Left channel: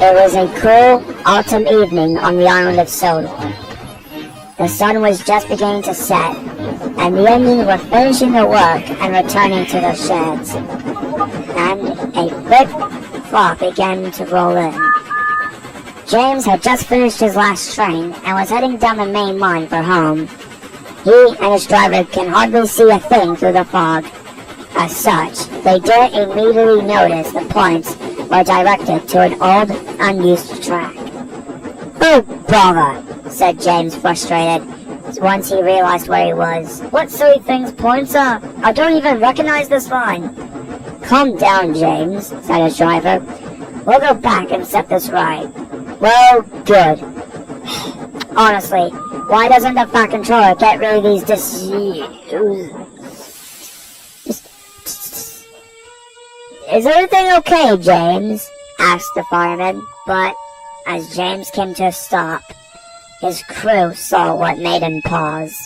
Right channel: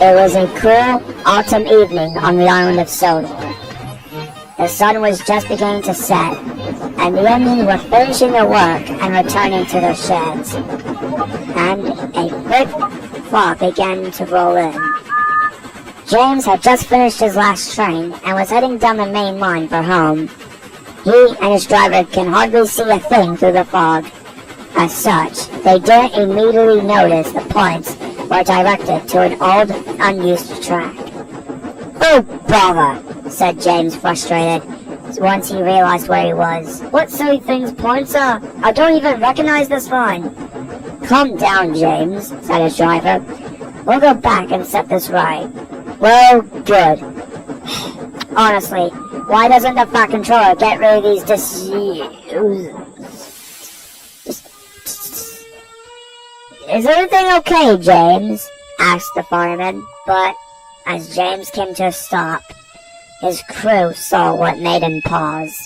It was a cool autumn evening on the island of Sodor. The sun was just beginning to set, and the engines were finishing their work and returning to their sheds. And a thick fog began to roll in. James had just finished his last train and was heading down the main line for home. He and his driver can hardly see a thing through the fog. As such, they didn't immediately notice the points were directed to an old, unused track. "Oh, bother," said James, frustrated, once he realized where he was. "What silly things points are? I don't even recognize this line." "Calm down, James," said his driver. "We'll go back and set this right." "Well, good. Honestly, why doesn't the Fat Controller get rid of these Is everything okay, James?" asked the fireman, but as James came to a stop, his crew saw what made him pause.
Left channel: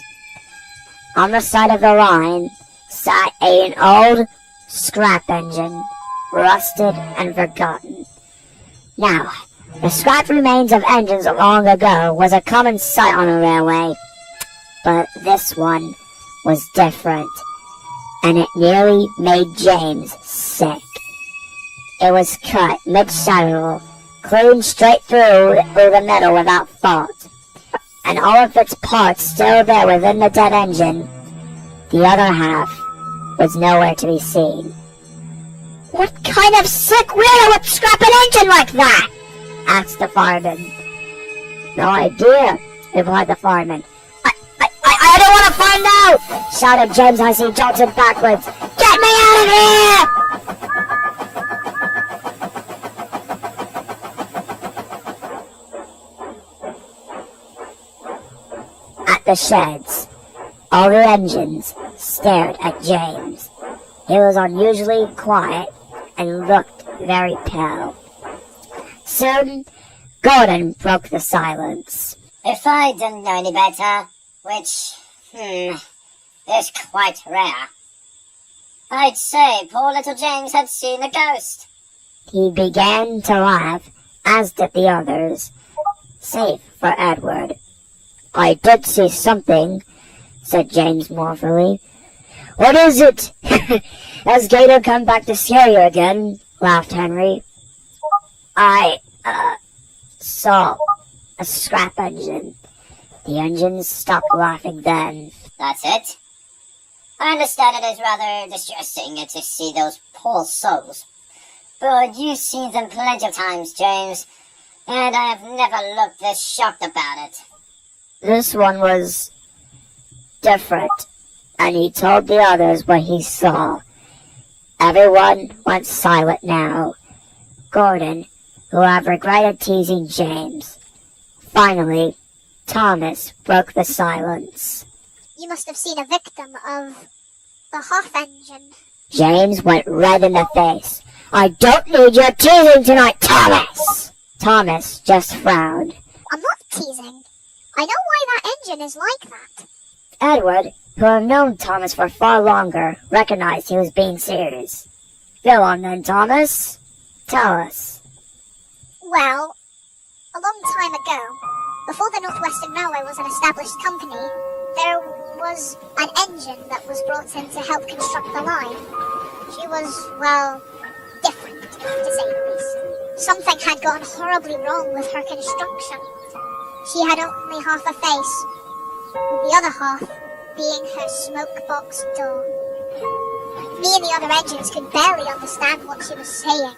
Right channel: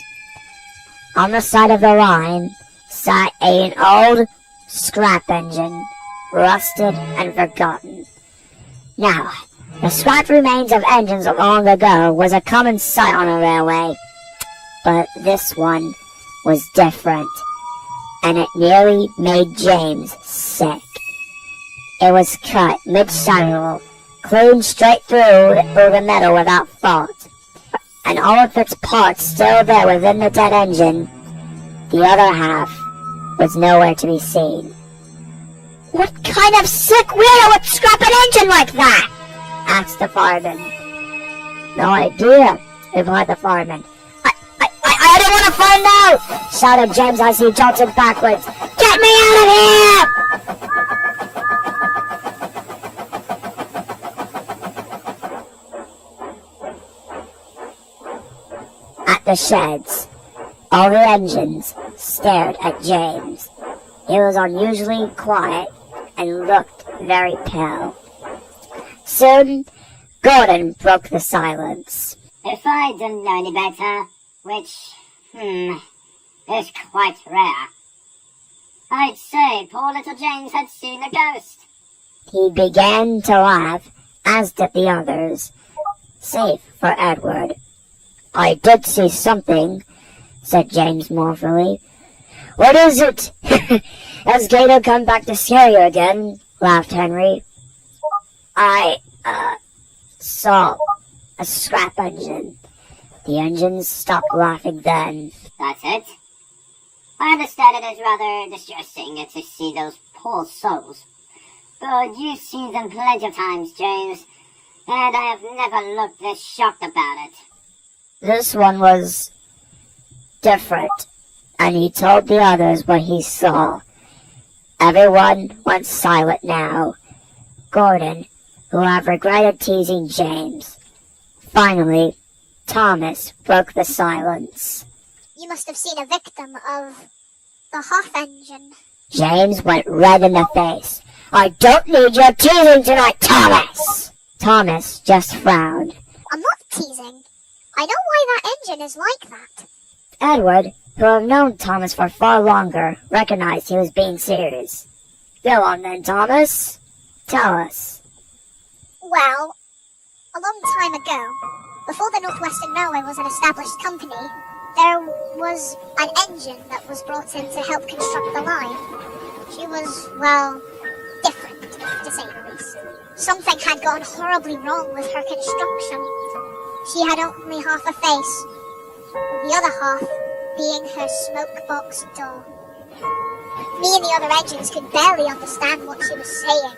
On the side of the line sat an old scrap engine, rusted and forgotten. Now, the scrap remains of engines of long ago was a common sight on a railway, but this one was different, and it nearly made James sick. It was cut mid-saddle, clean straight through the middle without fault, and all of its parts still there within the dead engine. The other half was nowhere to be seen. "What kind of sick weirdo would scrap an engine like that?" asked the fireman. "No idea," replied the fireman. I don't want to find out!" shouted James as he jolted backwards. "Get me out of here!" At the sheds, all the engines stared at James. He was unusually quiet and looked very pale. Soon, Gordon broke the silence. "If I didn't know any better, which, is quite rare, I'd say poor little James had seen a ghost." He began to laugh, as did the others, save for Edward. "I did see something," said James mournfully. "What is it?" "Has Gator come back to scare you again?" laughed Henry. "I saw a scrap engine." The engines stopped laughing then. "That's it? I understand it is rather distressing to see those poor souls, but you've seen them plenty of times, James, and I have never looked this shocked about it." This one was different, and he told the others what he saw. Everyone went silent now. Gordon, who had regretted teasing James. Finally, Thomas broke the silence. "You must have seen a victim of the half engine." James went red in the face. "I don't need your teasing tonight, Thomas!" Thomas just frowned. "I'm not teasing. I know why that engine is like that." Edward, who had known Thomas for far longer, recognized he was being serious. "Go on then, Thomas. Tell us." "Well, a long time ago, before the Northwestern Railway was an established company, there was an engine that was brought in to help construct the line. She was, well, different, to say the least. Something had gone horribly wrong with her construction. She had only half a face, the other half being her smoke box door. Me and the other engines could barely understand what she was saying.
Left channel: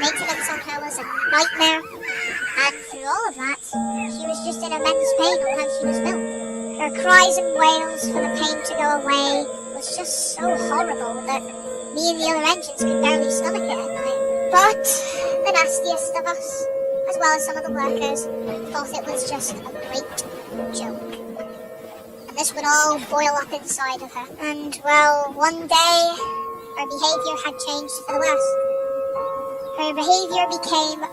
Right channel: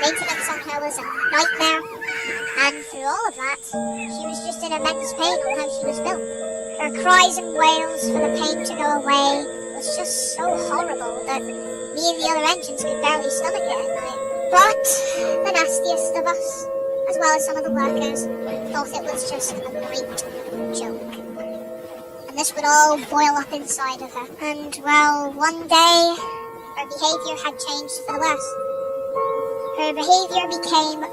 Maintenance on her was a nightmare, and through all of that, she was just in immense pain on how she was built. Her cries and wails for the pain to go away was just so horrible that me and the other engines could barely stomach it at night. But the nastiest of us, as well as some of the workers, thought it was just a great joke. And this would all boil up inside of her. And, well, one day, her behavior had changed for the worse. Her behavior became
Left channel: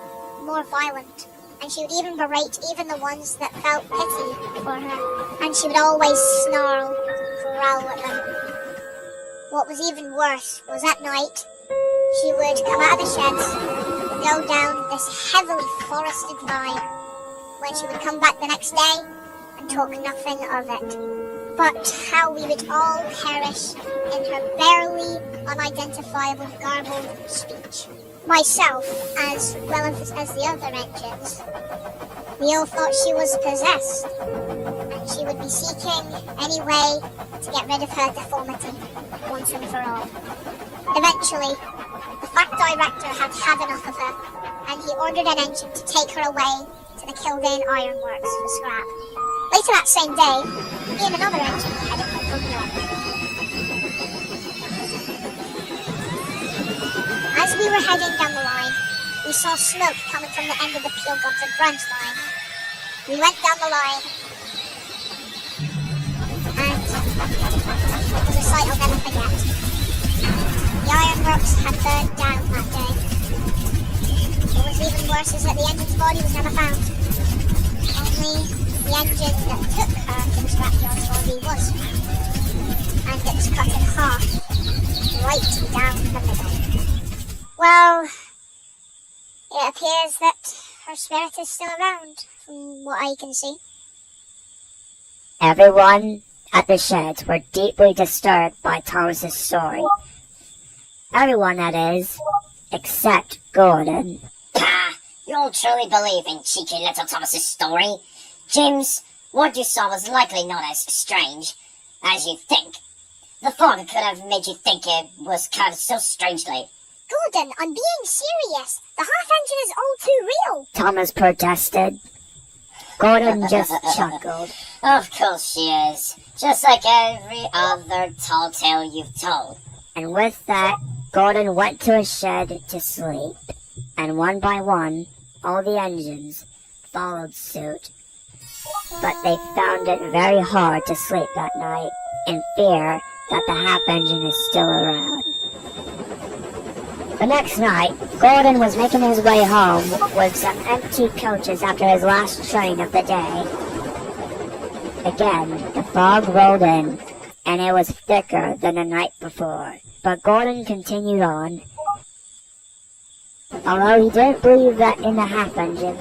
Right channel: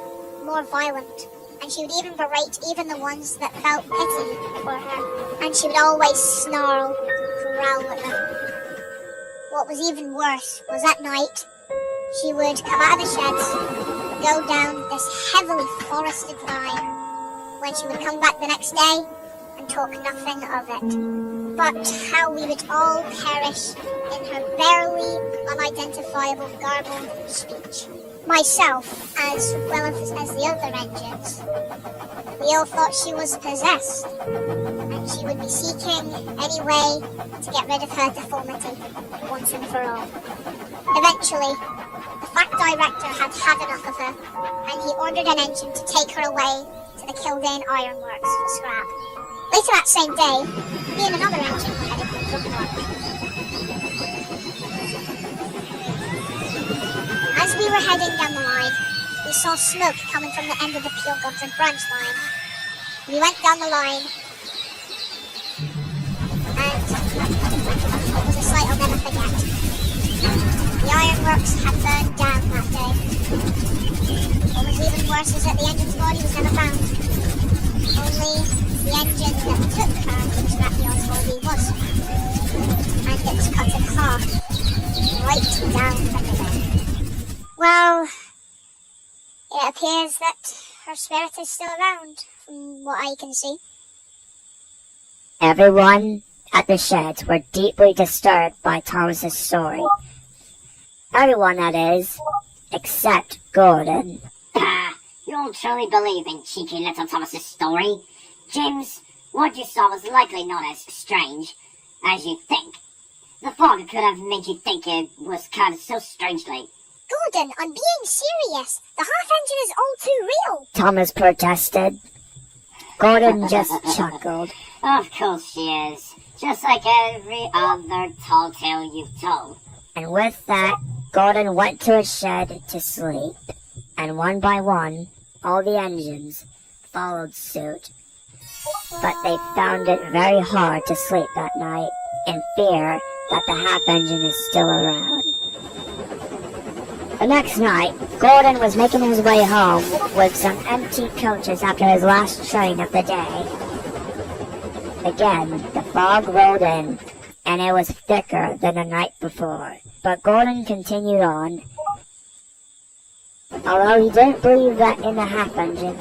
more violent, and she would even berate even the ones that felt pity for her. And she would always snarl and growl at them. What was even worse was at night, she would come out of the sheds go down this heavily forested line, when she would come back the next day and talk nothing of it, but how we would all perish in her barely unidentifiable garbled speech. Myself, as well as the other engines, we all thought she was possessed, and she would be seeking any way to get rid of her deformity once and for all. Eventually, the fact director had had enough of her, and he ordered an engine to take her away to the Kildane Ironworks for scrap. Later that same day, me and another engine were heading for Brooklyn. As we were heading down the line, we saw smoke coming from the end of the Peel Goods and Branch line. We went down the line, and it was a sight I'll never forget. The ironworks had burned down that day. What was even worse is that the engine's body was never found. Only the engine that took her to Scrapyard's body was found, and it was cut in half, right down the middle. Well, it appears that her spirit is still around, from what I can see. Everyone at the sheds were deeply disturbed by Thomas's story. Everyone, that is, except Gordon. Pah! You all truly believe in cheeky little Thomas's story? James, what you saw was likely not as strange as you think. The fog could have made you think it was cut so strangely. Gordon, I'm being serious. The half-engine is all too real. Thomas protested. Gordon just chuckled. Of course she is. Just like every other tall tale you've told. And with that, Gordon went to his shed to sleep. And one by one, all the engines followed suit. But they found it very hard to sleep that night, in fear that the half-engine is still around. The next night, Gordon was making his way home with some empty coaches after his last train of the day. Again, the fog rolled in, and it was thicker than the night before. But Gordon continued on. Although he didn't believe that in the half-engine,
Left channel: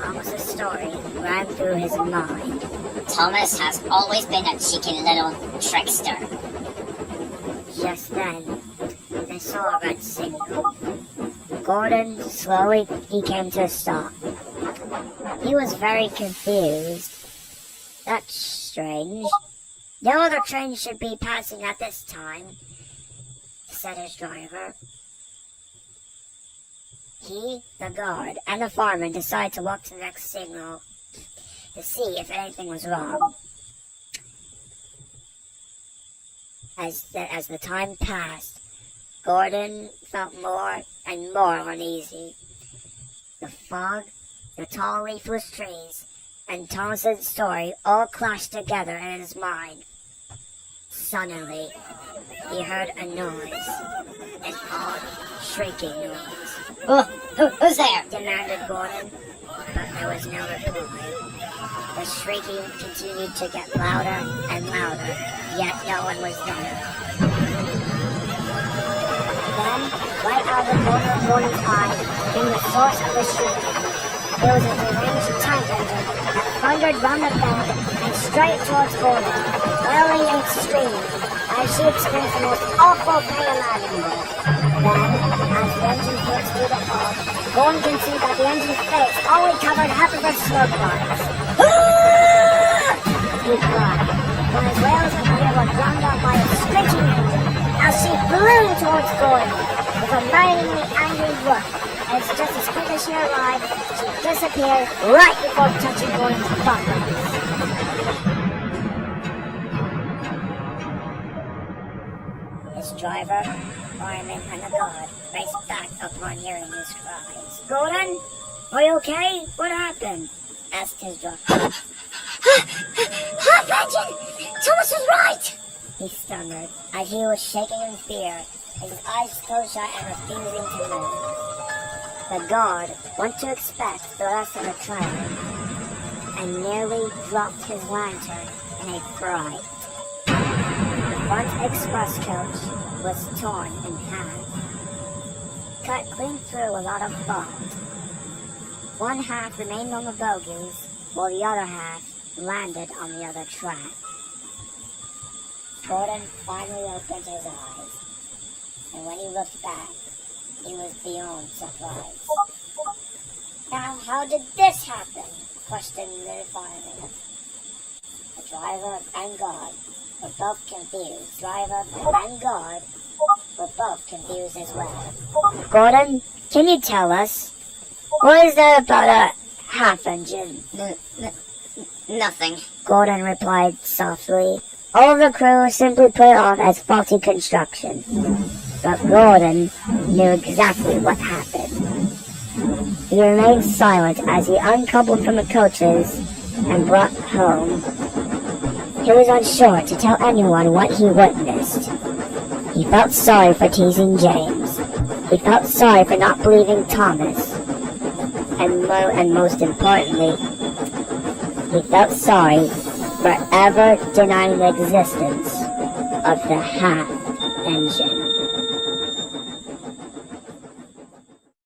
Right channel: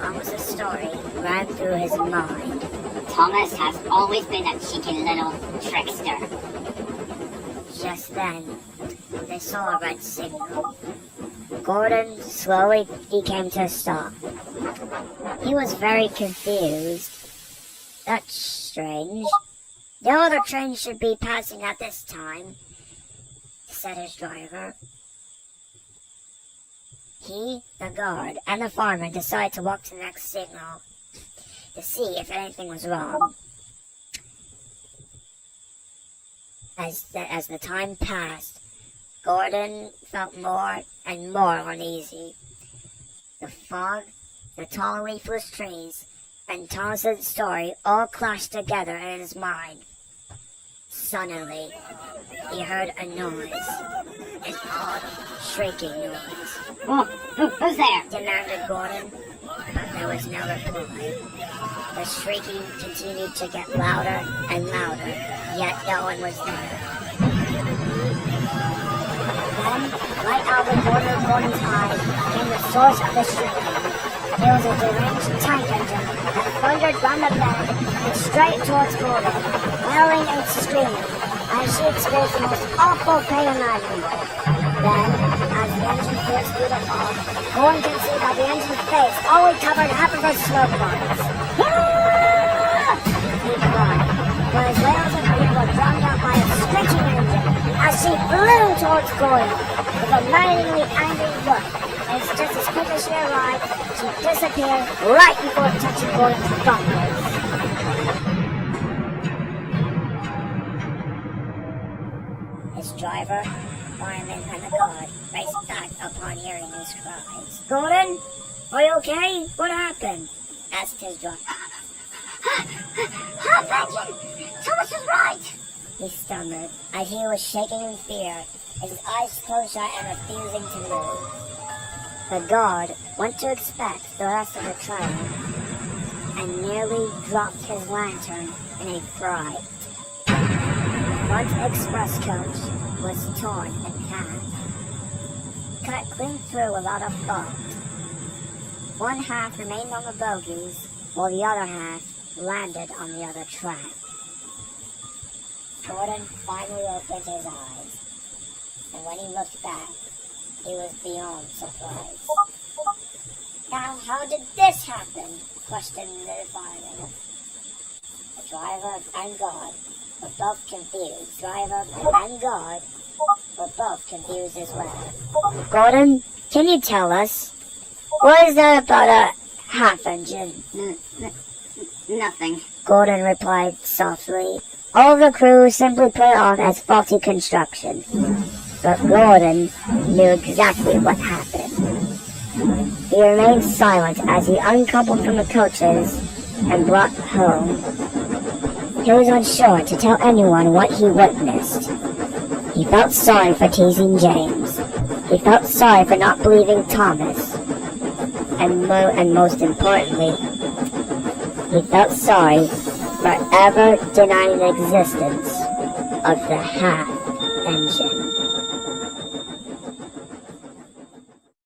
Thomas's story ran through his mind. Thomas has always been a cheeky little trickster. Just then, they saw a red signal. Gordon slowly came to a stop. He was very confused. That's strange. No other train should be passing at this time, said his driver. He, the guard, and the fireman decided to walk to the next signal to see if anything was wrong. As the time passed, Gordon felt more and more uneasy. The fog, the tall leafless trees, and Thomas's story all clashed together in his mind. Suddenly, he heard a noise, an odd, shrieking noise. Who's there? Demanded Gordon, but there was no reply. The shrieking continued to get louder and louder, yet no one was there. Then, right out of the corner of Gordon's eye, came the source of the shrieking. It was a deranged tank engine that thundered round the bend and straight towards Gordon, wailing and screaming, as she experienced the most awful pain imaginable. Then, as the engine pierced through the fog, Gordon could see that the engine's face only covered half of her smoke box. He cried, for his wails of fear were drowned out by a screeching engine as she flew towards Gordon with a maddeningly angry look. And just as quick as she arrived, she disappeared right before touching Gordon's bumpers. His driver, fireman, and the guard raced back upon hearing those cries. Gordon, are you okay? What happened? Asked his driver. Half-engine! Thomas was right! He stammered as he was shaking in fear, his eyes closed shut and refusing to move. The guard went to inspect the rest of the train and nearly dropped his lantern in a fright. The front express coach was torn in half. cut clean through without a fault. One half remained on the bogies, while the other half landed on the other track. Gordon finally opened his eyes, and when he looked back, he was beyond surprise. Now, how did this happen? Questioned the fireman. The driver and God were both confused. Driver and God were both confused as well. Gordon, can you tell us? What is that about a half engine? Nothing. Gordon replied softly. All the crew simply put it off as faulty construction. But Gordon knew exactly what happened. He remained silent as he uncoupled from the coaches and brought home. He was unsure to tell anyone what he witnessed. He felt sorry for teasing James. He felt sorry for not believing Thomas. And most importantly, he felt sorry for ever denying the existence of the half engine.